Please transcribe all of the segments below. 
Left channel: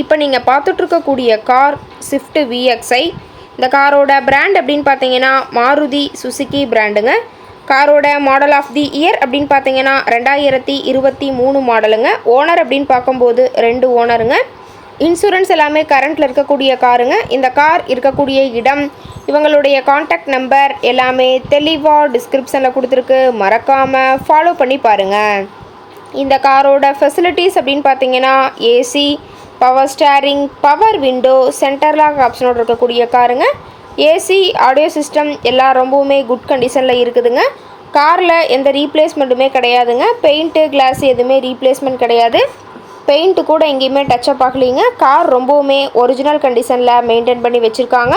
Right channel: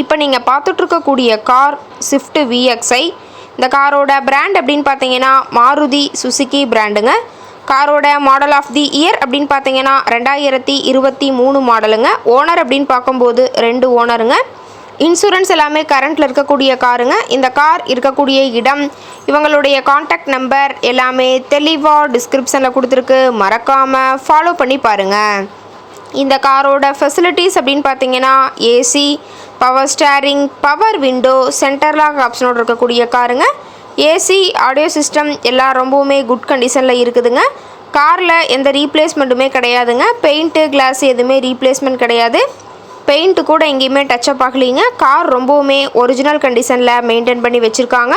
இப்போ நீங்கள் பார்த்துட்ருக்கக்கூடிய car Swift VXi இந்த காரோட பிராண்ட் அப்படின்னு பார்த்தீங்கன்னா மாருதி சுசுகி பிராண்டுங்க காரோட மாடல் ஆஃப் தி இயர் அப்படின்னு பார்த்தீங்கன்னா ரெண்டாயிரத்தி இருபத்தி மூணு மாடலுங்க ஓனர் அப்படின்னு பார்க்கும்போது ரெண்டு ஓனருங்க இன்சூரன்ஸ் எல்லாமே கரண்ட்டில் இருக்கக்கூடிய காருங்க. இந்த கார் இருக்கக்கூடிய இடம் இவங்களுடைய காண்டாக்ட் நம்பர் எல்லாமே தெளிவாக டிஸ்கிரிப்ஷனில் கொடுத்துருக்கு. மறக்காமல் ஃபாலோ பண்ணி பாருங்கள் இந்த காரோட ஃபெசிலிட்டிஸ் அப்படின்னு பார்த்தீங்கன்னா AC power steering power window centre lock ஆப்ஷனோடு இருக்கக்கூடிய காருங்க ஏசி ஆடியோ சிஸ்டம் எல்லாம் ரொம்பவுமே குட் கண்டிஷனில் இருக்குதுங்க. காரில் எந்த ரீப்ளேஸ்மெண்ட்டுமே கிடையாதுங்க. பெயிண்ட்டு கிளாஸ் எதுவுமே ரீப்ளேஸ்மெண்ட் கிடையாது. பெயிண்ட்டு கூட எங்கேயுமே டச்சப் ஆகலிங்க. கார் ரொம்பவுமே ஒரிஜினல் கண்டிஷனில் மெயின்டைன் பண்ணி வச்சுருக்காங்க.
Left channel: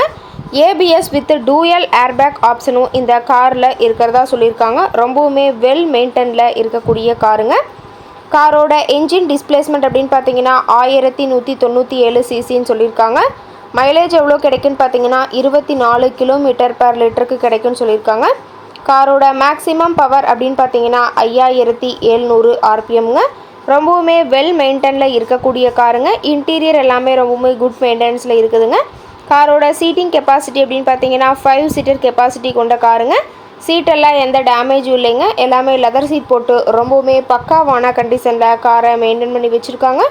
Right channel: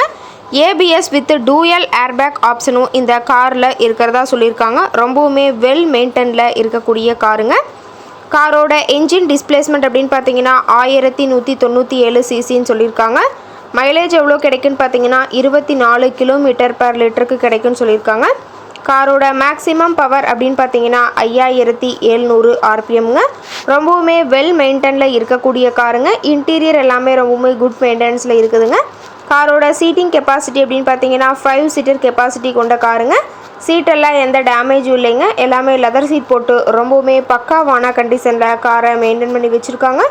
ஏபிஎஸ் வித் டூயல் ஏர்பேக் ஆப்ஷனும் இந்த காரில் இருக்கிறதா சொல்லியிருக்காங்க. ரொம்பவுமே வெல் மெயின்டெனில் இருக்கக்கூடிய காருங்க காரோட என்ஜின் டிஸ்பிளேஸ்மெண்ட் அப்படின்னு பார்த்தீங்கன்னா ஆயிரத்தி நூற்றி தொண்ணூற்றி ஏழு சிசின்னு சொல்லியிருக்காங்க. மைலேஜ் எவ்வளோ கிடைக்குன்னு பார்த்தீங்கன்னா இருபத்தி நாலு கிலோமீட்டர் பர் லிட்டருக்கு கிடைக்குன்னு சொல்லியிருக்காங்க. காரோட மேக்ஸிமம் பவர் அப்படின்னு பார்த்தீங்கன்னா ஐயாயிரத்தி எழுநூறு ஆர்பிஎம்ங்க. ரொம்பவுமே வெல் மெயின்டெனில் இருக்கக்கூடிய காருங்க. இன்டீரியர் எல்லாமே ரொம்பவுமே குட் மெயின்டெனன்ஸில் இருக்குதுங்க. காரோட சீட்டிங் கெப்பாசிட்டி அப்படின்னு பார்த்தீங்கன்னா ஃபைவ் சீட்டர் கெப்பாசிட்டி கொண்ட காருங்க. சீட்டெல்லாம் எந்த டேமேஜும் இல்லைங்க. எல்லாமே லெதர் சீட் போட்டு ரொம்பவுமே பக்காவான கண்டிஷனில் காரை மெயின்டைன் பண்ணி வச்சுருக்காங்க.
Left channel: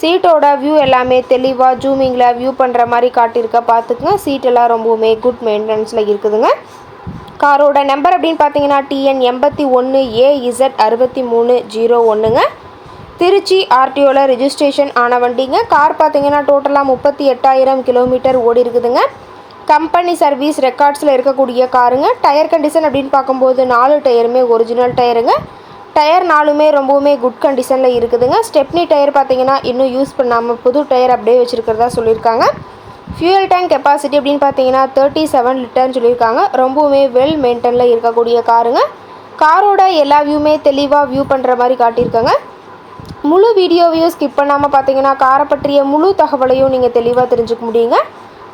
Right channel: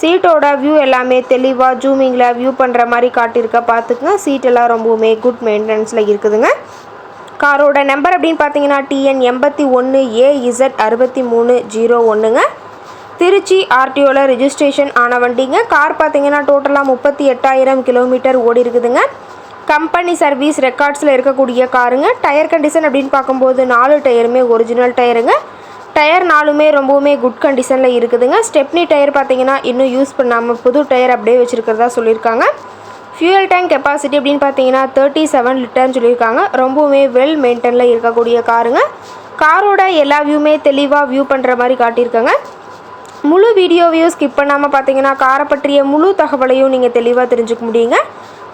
சீட்டோட வியூ எல்லாமே தெளிவாக ஜூமிங்கில் வியூ பண்ணுற மாதிரி காட்டியிருக்க பார்த்துக்குங்க. சீட்டெல்லாம் ரொம்பவுமே குட் மெயின்டெனன்ஸில் இருக்குதுங்க. காரோட நம்பர் அப்படின்னு பார்த்தீங்கன்னா டிஎன் எண்பத்தி ஒன்று ஏ இசட் அறுபத்தி மூணு ஜீரோ ஒன்றுங்க திருச்சி ஆர்டிஓவில் ரிஜிஸ்ட்ரேஷன் ஆன வண்டிங்க. கார் பார்த்தீங்கன்னா டோட்டலாக முப்பத்தி எட்டாயிரம் கிலோமீட்டர் ஓடி இருக்குதுங்க கம்பெனி சர்வீஸ் ரெக்கார்ட்ஸில் இருக்கக்கூடிய காருங்க. டயர் கண்டிஷன் அப்படின்னு பார்க்கும்போது நாலு டயருமே ஒரிஜினல் டயருங்க. டயர் நாலுமே ரொம்பவுமே குட் கண்டிஷனில் இருக்குதுங்க. ஸ்டெப்னி டயர் பார்த்தீங்கன்னா இன்னும் யூஸ் பண்ணாமல் புது டயர் அப்படியே வச்சுருக்கிறதா சொல்லியிருக்காங்க. ஃபியூயல் டேங்க் கெப்பாசிட்டி அப்படின்னு பார்த்தீங்கன்னா தேர்ட்டி செவன் லிட்டர்னு சொல்லியிருக்காங்க. ரொம்பவுமே வெல் மெயின்டெனில் இருக்கக்கூடிய காருங்க. காரோட எல்லா வியூமே தெளிவாக வியூ பண்ணுற மாதிரி காட்டியிருக்காங்க. முழு வீடியோவையும் ஸ்கிப் பண்ணாமல் பார்த்தீங்கன்னா காரை பற்றிய முழு தகவலையும் நீங்கள் தெளிவாக தெரிஞ்சுக்க முடியுங்க.